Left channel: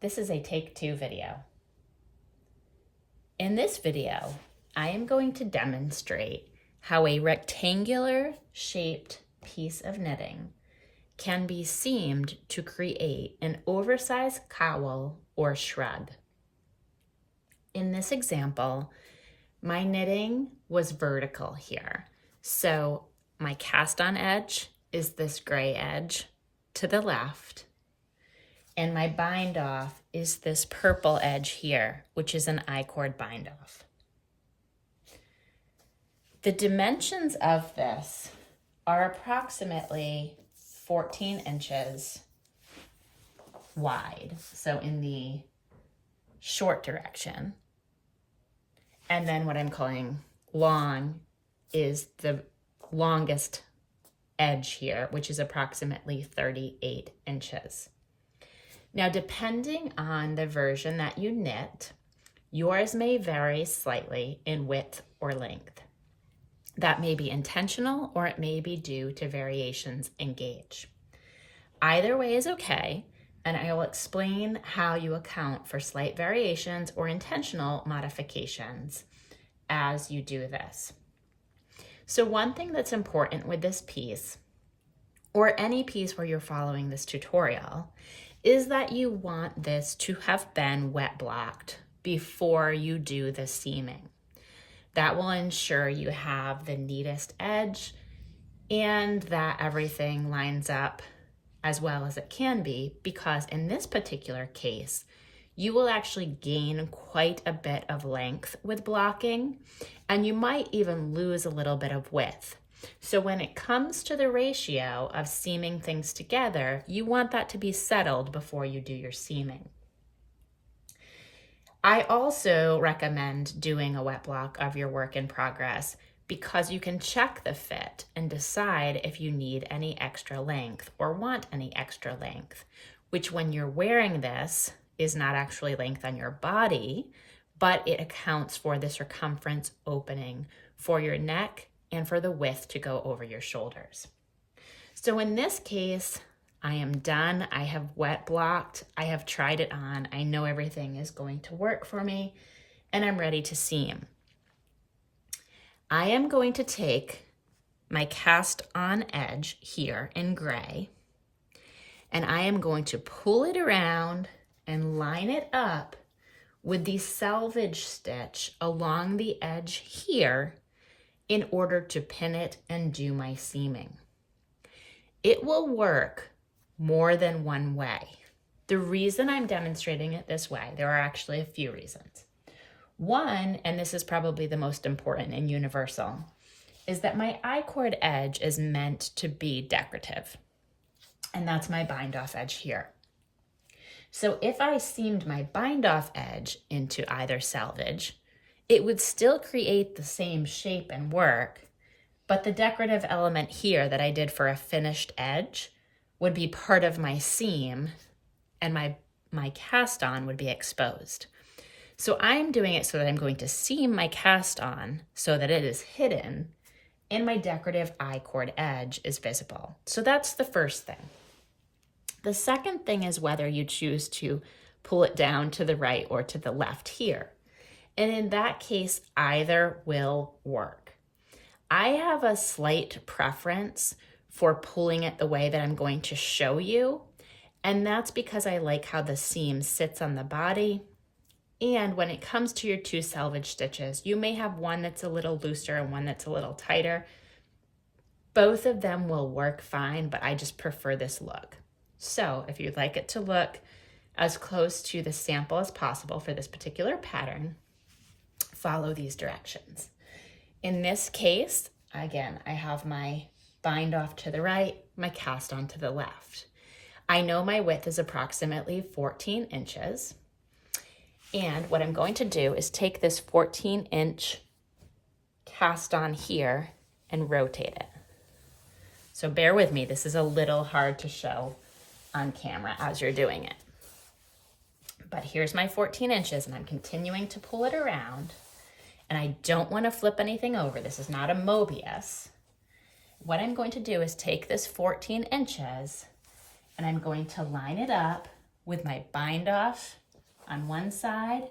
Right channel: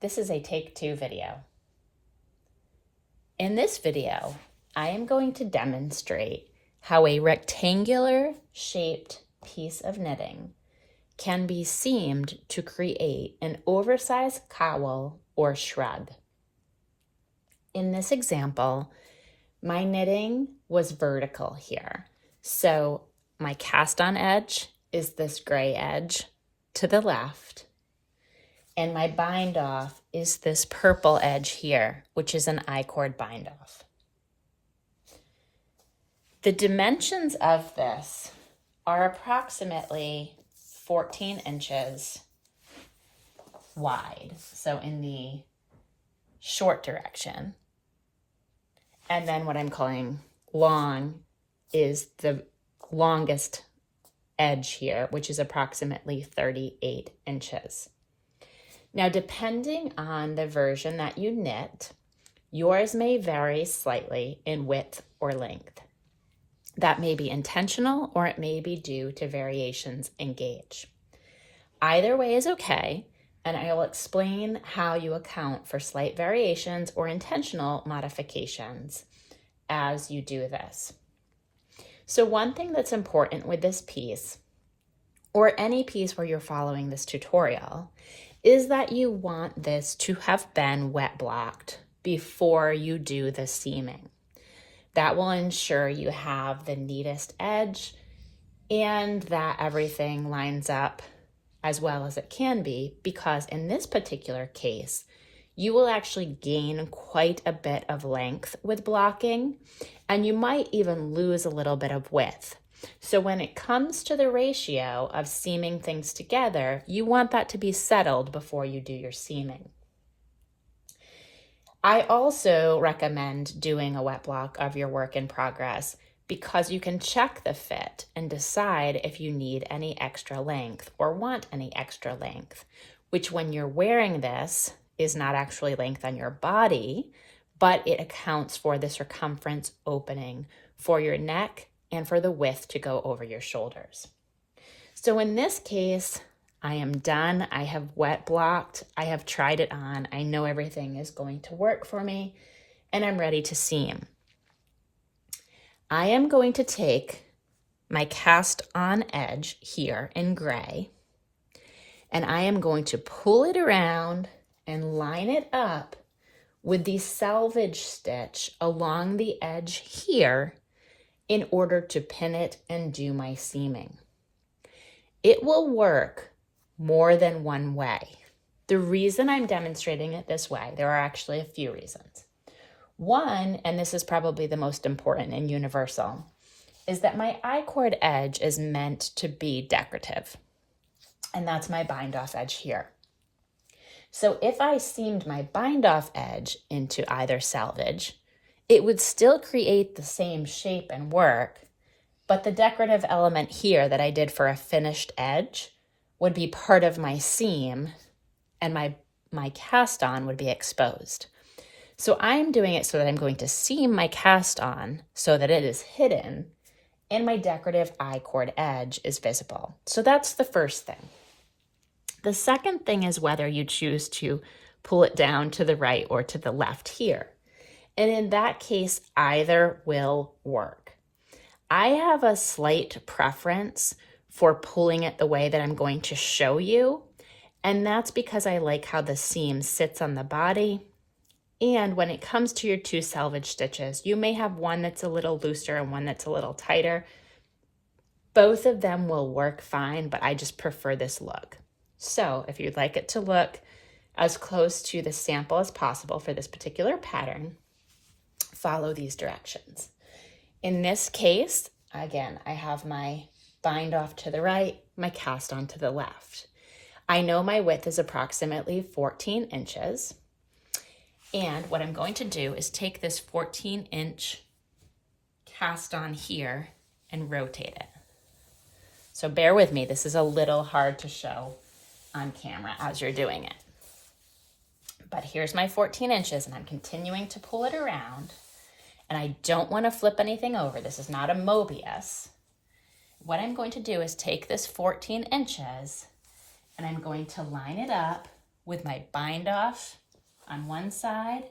This is a take 2 video. In this video, I am going to demonstrate how a rectangular shaped piece of knitting can be seamed to create an oversized cowl or shrug. In this example, my knitting was vertical here. So my cast on edge is this gray edge to the left, and my bind off is this purple edge here, which is an I-cord bind off. The dimensions of this are approximately 14 inches wide, so in the short direction. And then what I'm calling long is the longest edge here, which is approximately 38 inches. Now, depending on the version that you knit, yours may vary slightly in width or length. That may be intentional or it may be due to variations in gauge. Either way is okay, and I will explain how you account for slight variations or intentional modifications as you do this. So one thing that's important with this piece, or any piece where you're following this tutorial, is that you want this to have been wet blocked before you do the seaming. That will ensure you have the neatest edge and that everything lines up as well as it can be, because in this particular case, you will actually gain quite a bit of length with blocking, and you might even lose a little bit of width. So when it comes to the ratio of seaming things together, you want that to be settled before you do your seaming. I also recommend doing a wet block of your work in progress because you can check the fit and decide if you need any extra length or want any extra length, which when you're wearing this is not actually length on your body, but it accounts for the circumference opening for your neck and for the width to go over your shoulders. So in this case, I am done. I have wet blocked. I have tried it on. I know everything is going to work for me, and I'm ready to seam. I am going to take my cast on edge here in gray, and I am going to pull it around and line it up with the selvage stitch along the edge here in order to pin it and do my seaming. It will work more than one way. The reason I'm demonstrating it this way, there are actually a few reasons. One, and this is probably the most important and universal, is that my I-cord edge is meant to be decorative. And that's my bind off edge here. So if I seamed my bind off edge into either selvage, it would still create the same shape and work, but the decorative element here that I did for a finished edge would be part of my seam, and my cast on would be exposed. So I'm doing it so that I'm going to seam my cast on so that it is hidden and my decorative I-cord edge is visible. So that's the first thing. The second thing is whether you choose to pull it down to the right or to the left here. And in that case, either will work. I have a slight preference for pulling it the way that I'm going to show you, and that's because I like how the seam sits on the body. And when it comes to your two selvage stitches, you may have one that's a little looser and one that's a little tighter. Both of them will work fine, but I just prefer this look. So if you'd like it to look as close to the sample as possible for this particular pattern, follow these directions. In this case, again, I have my bind off to the right, my cast on to the left. I know my width is approximately 14 inches. And what I'm going to do is take this 14-inch cast on here and rotate it. So bear with me, this is a little hard to show on camera as you're doing it. But here's my 14 inches and I'm continuing to pull it around, and I don't want to flip anything over. This is not a Mobius. What I'm going to do is take this 14 inches and I'm going to line it up with my bind off on one side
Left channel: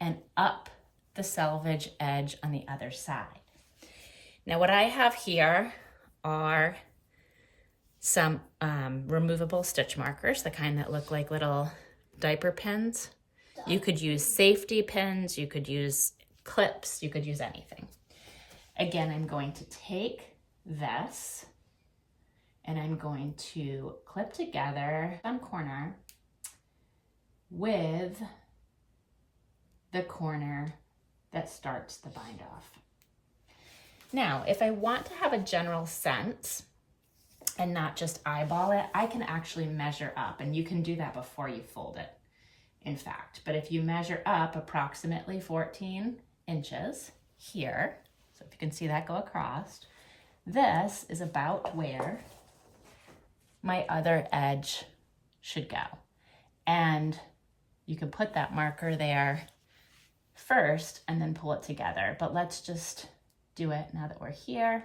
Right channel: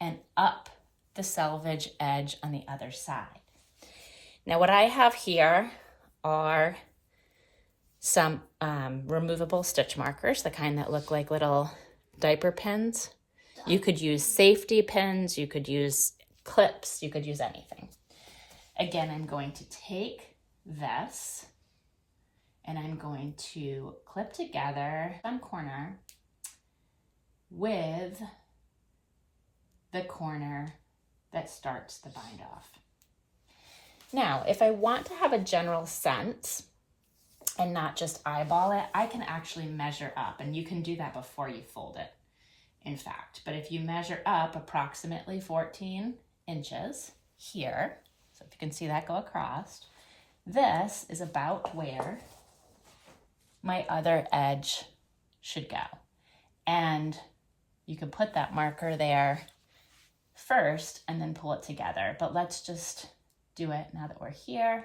and up the selvage edge on the other side. Now what I have here are some removable stitch markers, the kind that look like little diaper pins. You could use safety pins, you could use clips, you could use anything. Again, I'm going to take this and I'm going to clip together one corner with the corner that starts the bind off. Now, if I want to have a general sense and not just eyeball it, I can actually measure up, and you can do that before you fold it, in fact. But if you measure up approximately 14 inches here, so if you can see that go across, this is about where my other edge should go. And you can put that marker there first and then pull it together. But let's just do it now that we're here.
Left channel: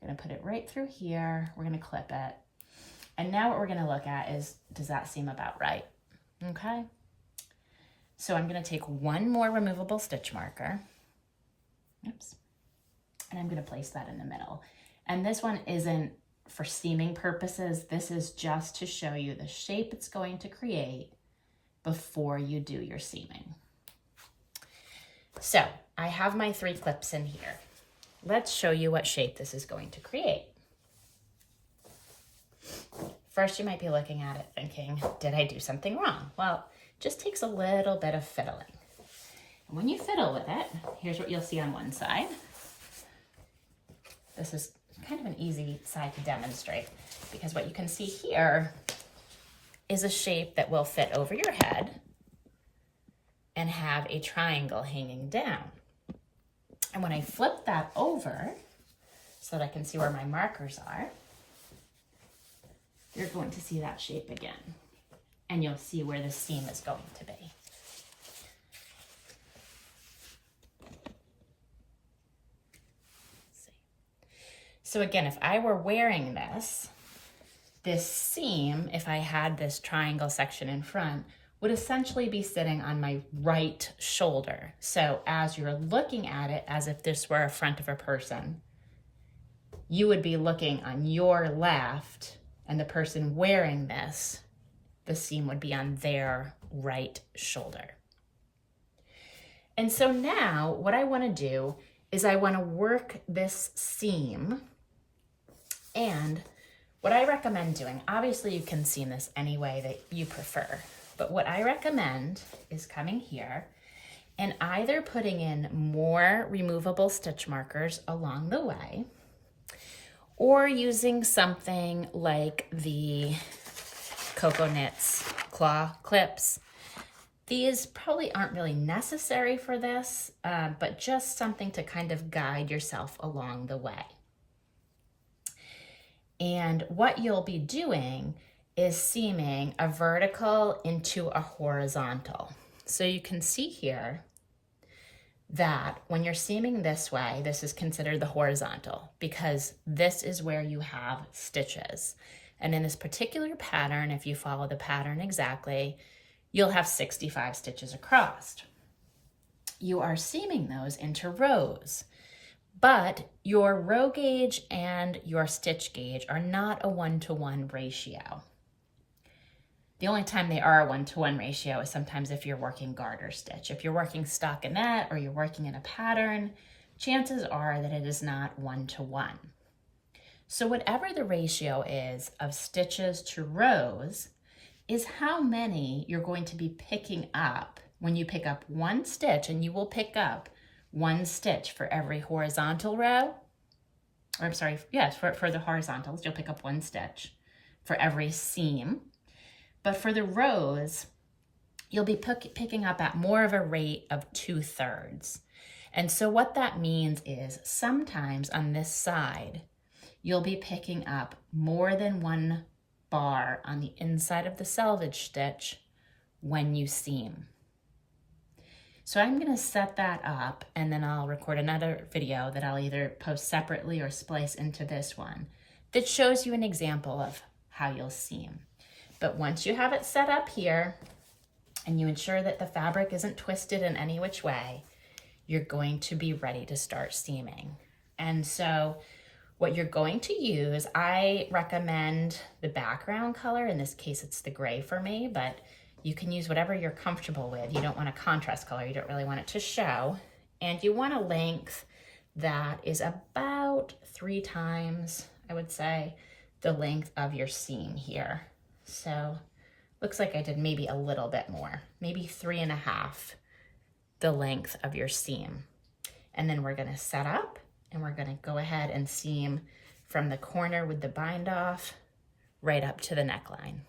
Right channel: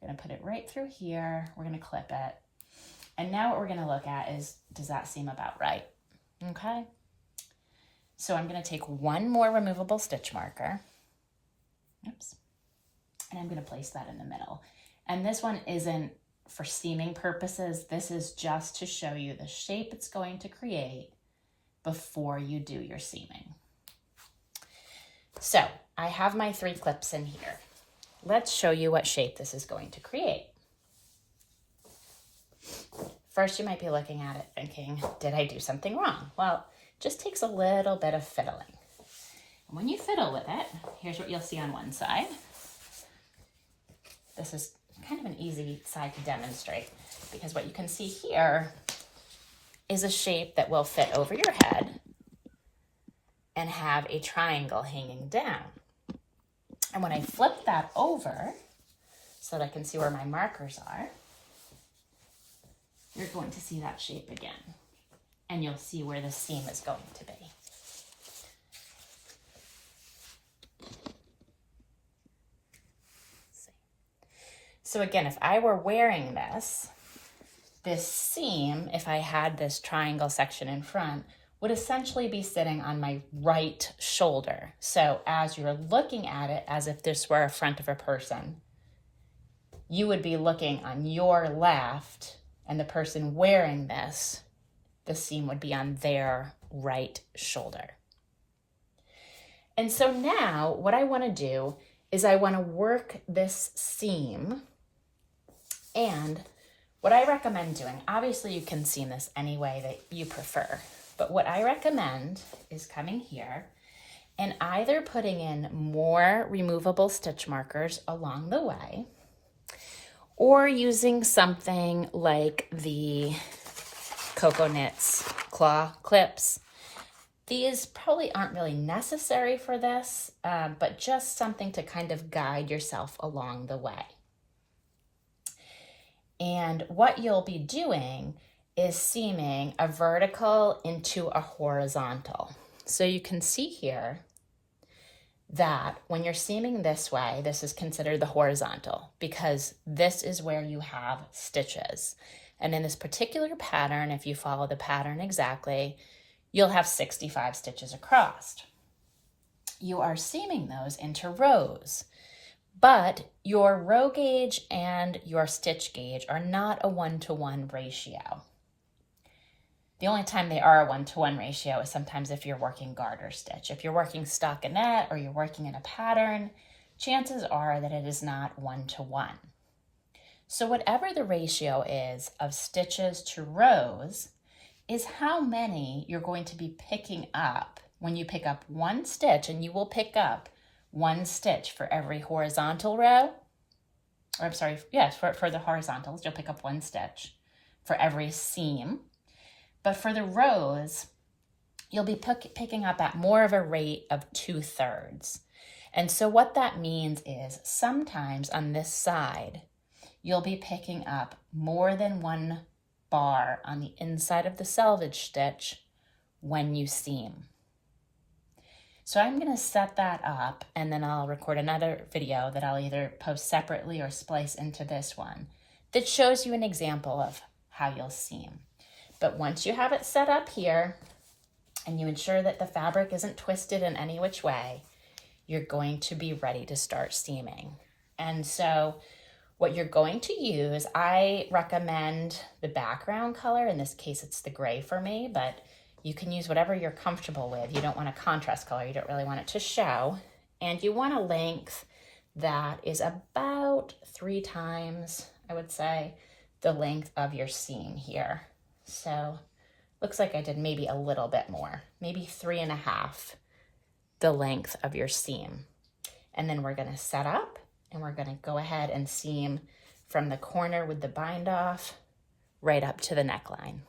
We're gonna put it right through here. We're gonna clip it. And now what we're gonna look at is, does that seem about right? Okay. So I'm gonna take one more removable stitch marker. Oops. And I'm gonna place that in the middle. And this one isn't for seaming purposes. This is just to show you the shape it's going to create before you do your seaming. So I have my 3 clips in here. Let's show you what shape this is going to create. First, you might be looking at it thinking, did I do something wrong? Well, it just takes a little bit of fiddling. And when you fiddle with it, here's what you'll see on one side. This is kind of an easy side to demonstrate because what you can see here is a shape that will fit over your head and have a triangle hanging down. And when I flip that over so that I can see where my markers are, you're going to see that shape again. And you'll see where the seam is going to be. So again, if I were wearing this seam, if I had this triangle section in front, would essentially be sitting on my right shoulder. So as you're looking at it as if this were a front of a person, you would be looking on your left, and the person wearing this, the seam would be on their right shoulder. And so now what I want to do is I want to work this seam, and what I recommend doing, obviously you can seam this any way that you prefer, but what I recommend is coming here and either putting in more removable stitch markers along the way, or using something like the Cocoa Knits claw clips. These probably aren't really necessary for this, but just something to kind of guide yourself along the way. And what you'll be doing is seaming a vertical into a horizontal. So you can see here that when you're seaming this way, this is considered the horizontal because this is where you have stitches. And in this particular pattern, if you follow the pattern exactly, you'll have 65 stitches across. You are seaming those into rows, but your row gauge and your stitch gauge are not a 1-to-1 ratio. The only time they are a 1-to-1 ratio is sometimes if you're working garter stitch. If you're working stockinette or you're working in a pattern, chances are that it is not 1-to-1. So whatever the ratio is of stitches to rows is how many you're going to be picking up when you pick up one stitch, and you will pick up one stitch for every horizontal row, or I'm sorry, yes, for the horizontals, you'll pick up one stitch for every seam. But for the rows, you'll be picking up at more of a rate of 2/3. And so what that means is sometimes on this side, you'll be picking up more than one bar on the inside of the selvage stitch when you seam. So I'm gonna set that up, and then I'll record another video that I'll either post separately or splice into this one that shows you an example of how you'll seam. But once you have it set up here and you ensure that the fabric isn't twisted in any which way, you're going to be ready to start steaming. And so what you're going to use, I recommend the background color. In this case, it's the gray for me, but you can use whatever you're comfortable with. You don't want a contrast color. You don't really want it to show. And you want a length that is about 3 times, I would say, the length of your seam here. So looks like I did maybe a little bit more, maybe 3.5 the length of your seam. And then we're gonna set up and we're gonna go ahead and seam from the corner with the bind off right up to the neckline.